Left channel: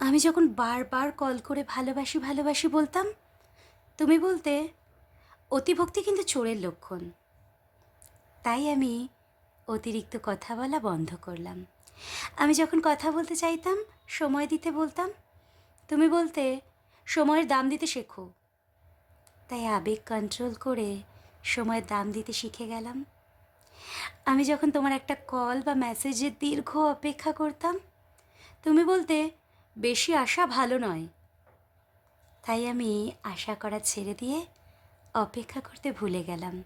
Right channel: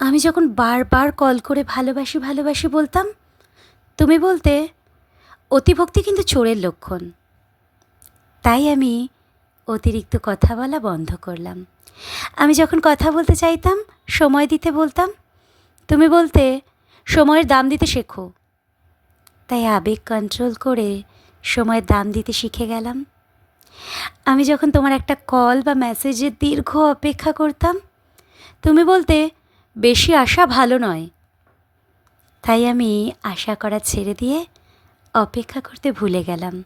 আমি যখন বারবার কল করে ভালোবাসি ভালোবাসি বলতাম, তুমি বলতে, অতিভক্তি কিন্তু চোরের লক্ষণ। তাই আমি অতিরিক্ত কথা বলা বন্ধ করলাম। আমি যখন কথা বলতে চাইতাম, সময় দিতে বলতাম, তুমি বলতে, সময়ের দাম দিতে শেখো। তাই আবেগ কন্ট্রোল করে সময়ের দাম দিতে শিখে গেলাম। আমি যখন তোমার একটা কল বা মেসেজের দীর্ঘ অপেক্ষা করতাম, তুমি বলতে বেশি আশা ভালো নয়। তাই আমি আশা করা ছেড়ে দিয়ে অপেক্ষা করতে ভুলে গেলাম।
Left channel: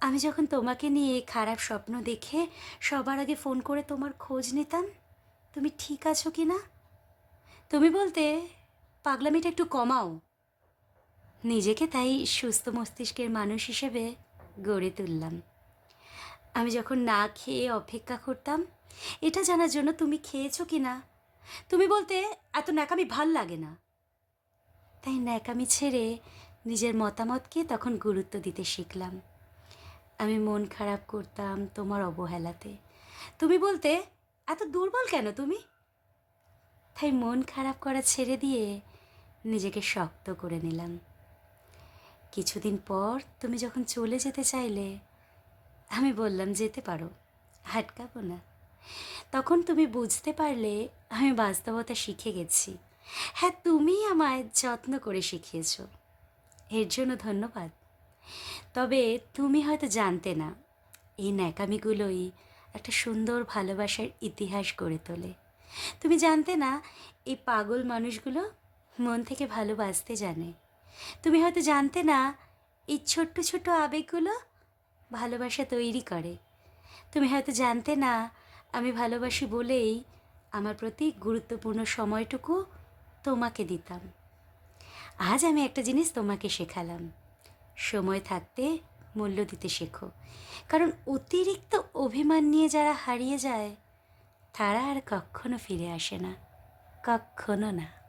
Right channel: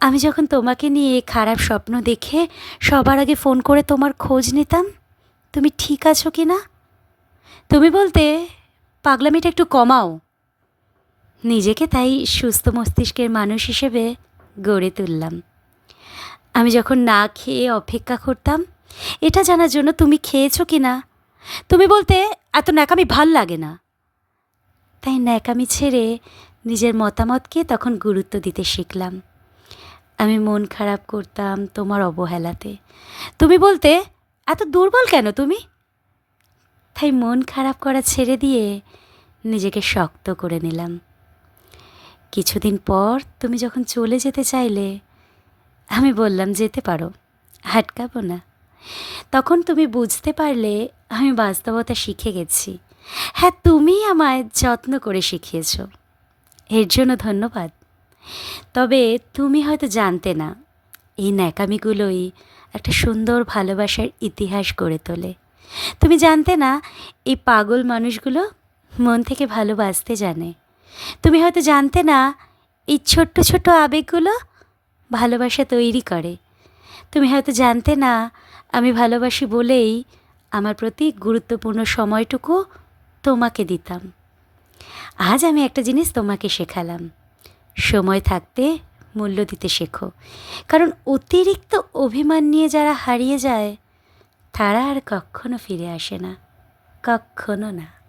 আমি যখন তোমাকে নিয়ে খারাপ স্বপ্ন দেখে সবার আগে ফোন করে তোমার খোঁজ নিতাম, তুমি ঠিক আছো কি না? তুমি বলতে, পাগলামিটা একটু কমাও। নিজেকে তাই সুস্থ মস্তিষ্কের মানুষ হিসেবে গড়ে তুললাম। আমি যখন না খেয়ে অপেক্ষা করতাম, এটা জানার জন্য তুমি খেয়েছো কি না? তুমি বলতে এত ন্যাকামি ভালো লাগে না। তাই ন্যাকামি ছেড়ে নিজের মতামতকে তখন গুরুত্ব দিতে শিখলাম। আমি মন খারাপ করতাম তোমার অবহেলাতে। তুমি বলতে, এত দুর্বল কেন তুমি? তাই মন খারাপ করা ছেড়ে দিয়ে নিজেকে শক্ত করে নিলাম। কিছুদিন পর তুমি যখন চলে যেতে চাইলে, আমি বললাম, যেতে পারো হাটকাবো না। তখন তুমি বুঝতে পারলে আমি বাস্তবতা শিখে গেছি। হ্যাঁ তুমি আমায় যত্ন করে শিখিয়েছ। এর জন্য ধন্যবাদ। তবে তুমি হয়তো জানতে না, এই ন্যাকামিগুলোই একটা সুন্দর ভালোবাসার ইতিহাস গড়ে তোলে। তুমি জানতে না, এই পাগল মানুষগুলো মন থেকে ভালোবাসতে জানে। তুমি হয়তো জানতে না, এই ছোট্ট ছোট্ট আবেগগুলো ভালোবাসা তৈরি করে। তুমি হয়তো জানতে না, আমি ভালোবাসি বলেই আমার প্রতি গুরুত্বপূর্ণ সময়টুকু তোমাকে দিতাম। আজ আমি একটা জিনিস তোমাকে শেখালাম। সময় থাকতে মূল্য দিতে শেখো। কারণ অতিরিক্ত অভিমান নিয়ে যারা হারিয়ে যায়, তারা আর কখনো ফিরে আসে না। কখনো না।